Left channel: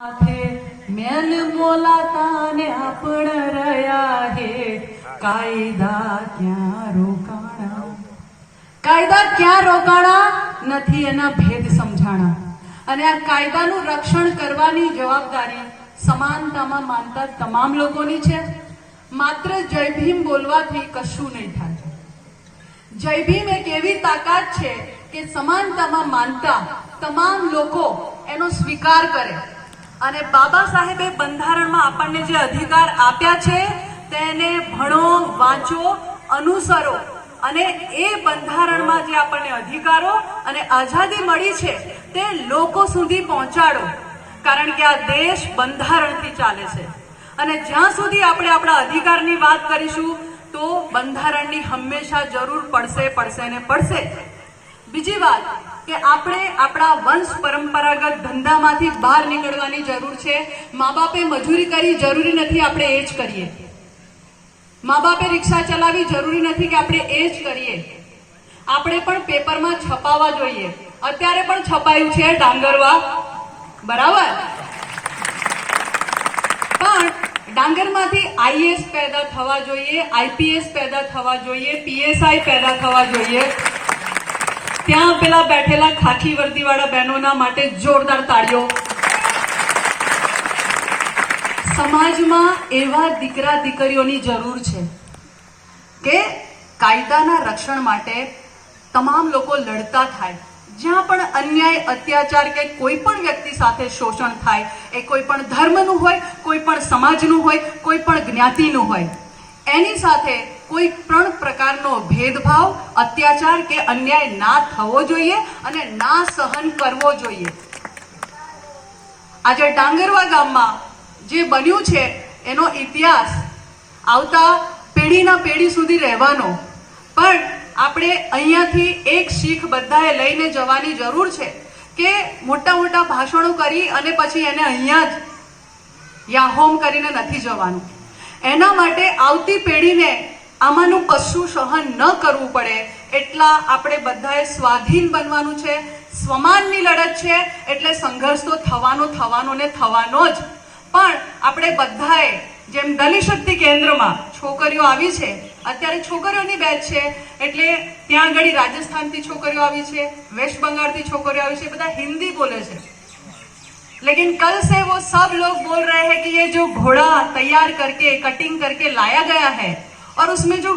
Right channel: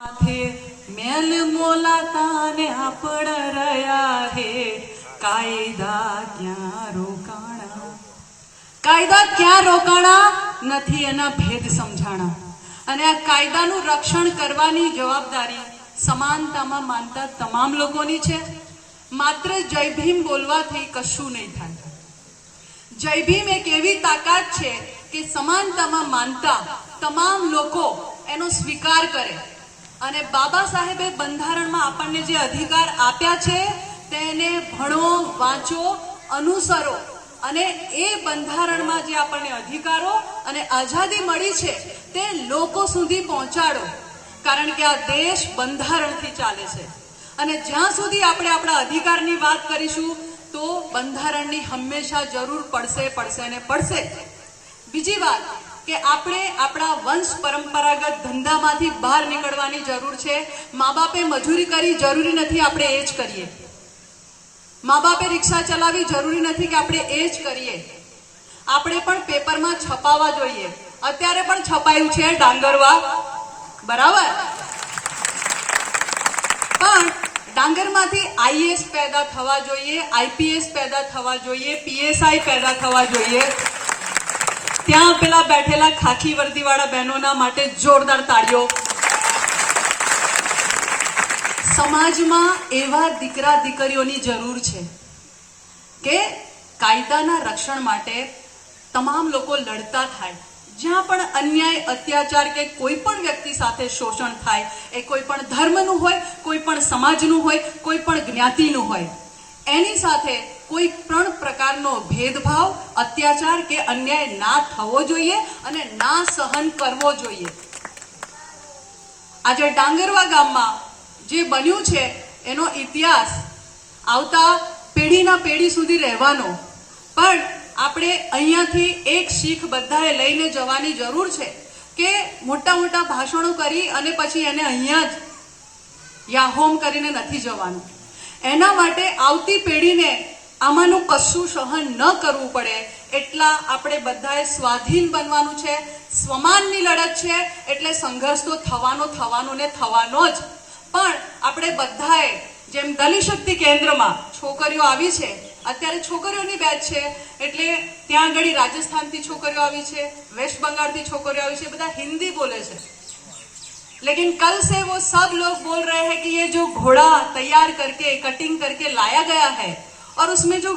મેલ મોલાતા ને આપણ રહ્યા હે કાયદા ક્યાં રોકાણા, કાયદા ક્યાં રોકાણા નથી એના ભેદ સમજાણા. અને આ કાયદાનું રક્ષણ કરવાની જવાબદારી સમાનતામાં માનતા તમામ લોકોની છે. માત્ર જય ભીમ બોલવાથી કશું નહીં થાય. જય ભીમ એક એવી તાકાત છે કે સમાનતામાં માનતા તમામ લોકો એનો સ્વીકાર કરે. અને બાબા સાહેબે બંધારણમાં આપણને જે અધિકાર આપ્યા છે તેને ભણો, વાંચો, અનુસરો અને એ બંધારણમાં જે આપણને અધિકારો અને આઝાદી મળી છે તે લોકો સુધી પહોંચાડો. કારણ કે આ દેશ બંધારણથી ચાલે છે અને જ્યાં સુધી આપણે આપણા અધિકારની વાત કરીશું તો બંધારણની હંમેશા જરૂર પડશે ને પડશે. બીજી વાત કે આપણે આપણા વંશ પરંપરાગત ધંધામાંથી બહાર નીકળવાની જરૂર છે. મા બાપે મજૂરી કરી જરૂરી નથી આપણે એ જ કરીએ. મા બાપે રિક્ષા ચલાવી જરૂરી નથી કે આપણે એ જ કરીએ. આપણે પણ પેપરમાં છપાવા જોઈએ. અત્યારે પણ છપાયું છે ડાંગરવા, બરાબર, પણ ડાંગરમાંથી આઈએએસ પેદા થવા જોઈએ, આઈપીએસ પેદા થવા જોઈએ, પીએસઆઈ પેદા થવા જોઈએ. ત્યાં પેલા બેઠેલા ખાખી વર્દીવાળા બહેનોના માટે જોરદાર તાળીઓ. સમાજમાં એવા દીકરા દીકરીઓની જરૂર છે કે કાયદાના રક્ષણ માટે તમામ લોકો લડતા થાય. જ્યાં પણ અન્યાય, અત્યાચાર કે કોઈ પણ વ્યક્તિ સાથે શોષણ થાય, એ કોઈ પણ ધર્મનું હોય, કોઈ પણ સમાજનું હોય, કોઈ પણ જ્ઞાતિનું હોય, એની સાથે કોઈ પણ પ્રકારનો ભેદભાવ, અત્યાચાર કે અન્યાય ના થવો જોઈએ અને ના સહન કરવો જોઈએ. આજે ડાંગરવા ગામમાં જે બન્યું છે એનો ઇતિહાસ આવતા પેઢીના પેઢી સુધી રહેવાનો. પણ આપણે અહીંયાથી એક શીખ બધાએ લઈને જવાની જરૂર છે કે મોટા મોટા ભાષણો કરી અને પછી એને અહીંયા જ યાહોમ કરીને નથી જવાનું. એના માટે આવતી પેઢીને આમાંનું કશું સહન ન કરવું પડે એટલા આપણે બધાએ સ્વાધીન બનવાનું છે. સ્વમાનની લડત છે એટલે સંઘર્ષ તો થવાનો ને થવાનો જ. પણ આપણે બધાએ જેમ દલિત શક્તિ કેન્દ્રમાં છોકરીઓ આવી છે, અત્યારે છોકરીઓની બેચ છે એટલે ત્યાં આગળ રાજસ્થાનથી છોકરીઓ આવી છે, વેસ્ટ બંગાળથી છોકરીઓ આવી છે, બધા હિન્દી બોલે છે. लेकिन कल से वो सब लोग बोल रहे हैं कि ये जो घोड़ा तैयार करके कटिंग करके लाया गया है और उसमें जो